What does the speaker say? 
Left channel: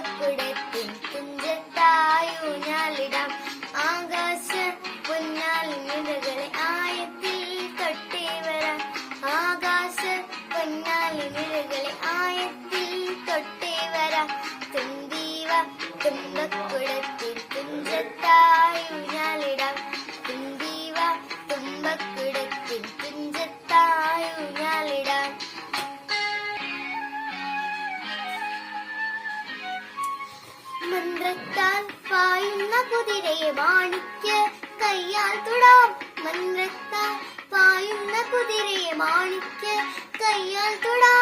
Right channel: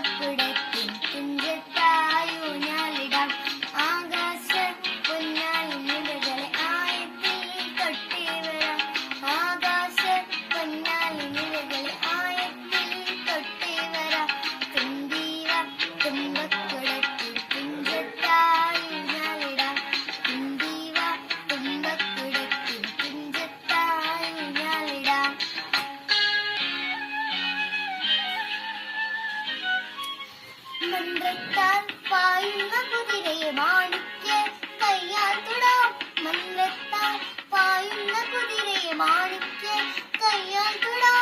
തുമ്പക്കുടത്തിൻ തുഞ്ചത്തായൂഞ്ഞാലിടാം. ആകാശ പൊന്നാലിനിഴകളെ ആയത്തിൽ തൊട്ടേ വരാം. ആകാശ പൊന്നാലിനിഴകളെ ആയത്തിൽ തൊട്ടേ വരാം. തുമ്പീവ തുമ്പക്കുടത്തിൻ തുഞ്ചത്തായൂഞ്ഞാലിടാം. തുമ്പീവ തുമ്പക്കുടത്തിൻ തുഞ്ചത്തായൂഞ്ഞാലിടാം. മന്ത്രത്താൽ പായുന്ന കുതിരയെ മാണിക്യ കയ്യാൽ തൊടാം. മന്ത്രത്താൽ പായുന്ന കുതിരയെ മാണിക്യ കയ്യാൽ തൊടാം.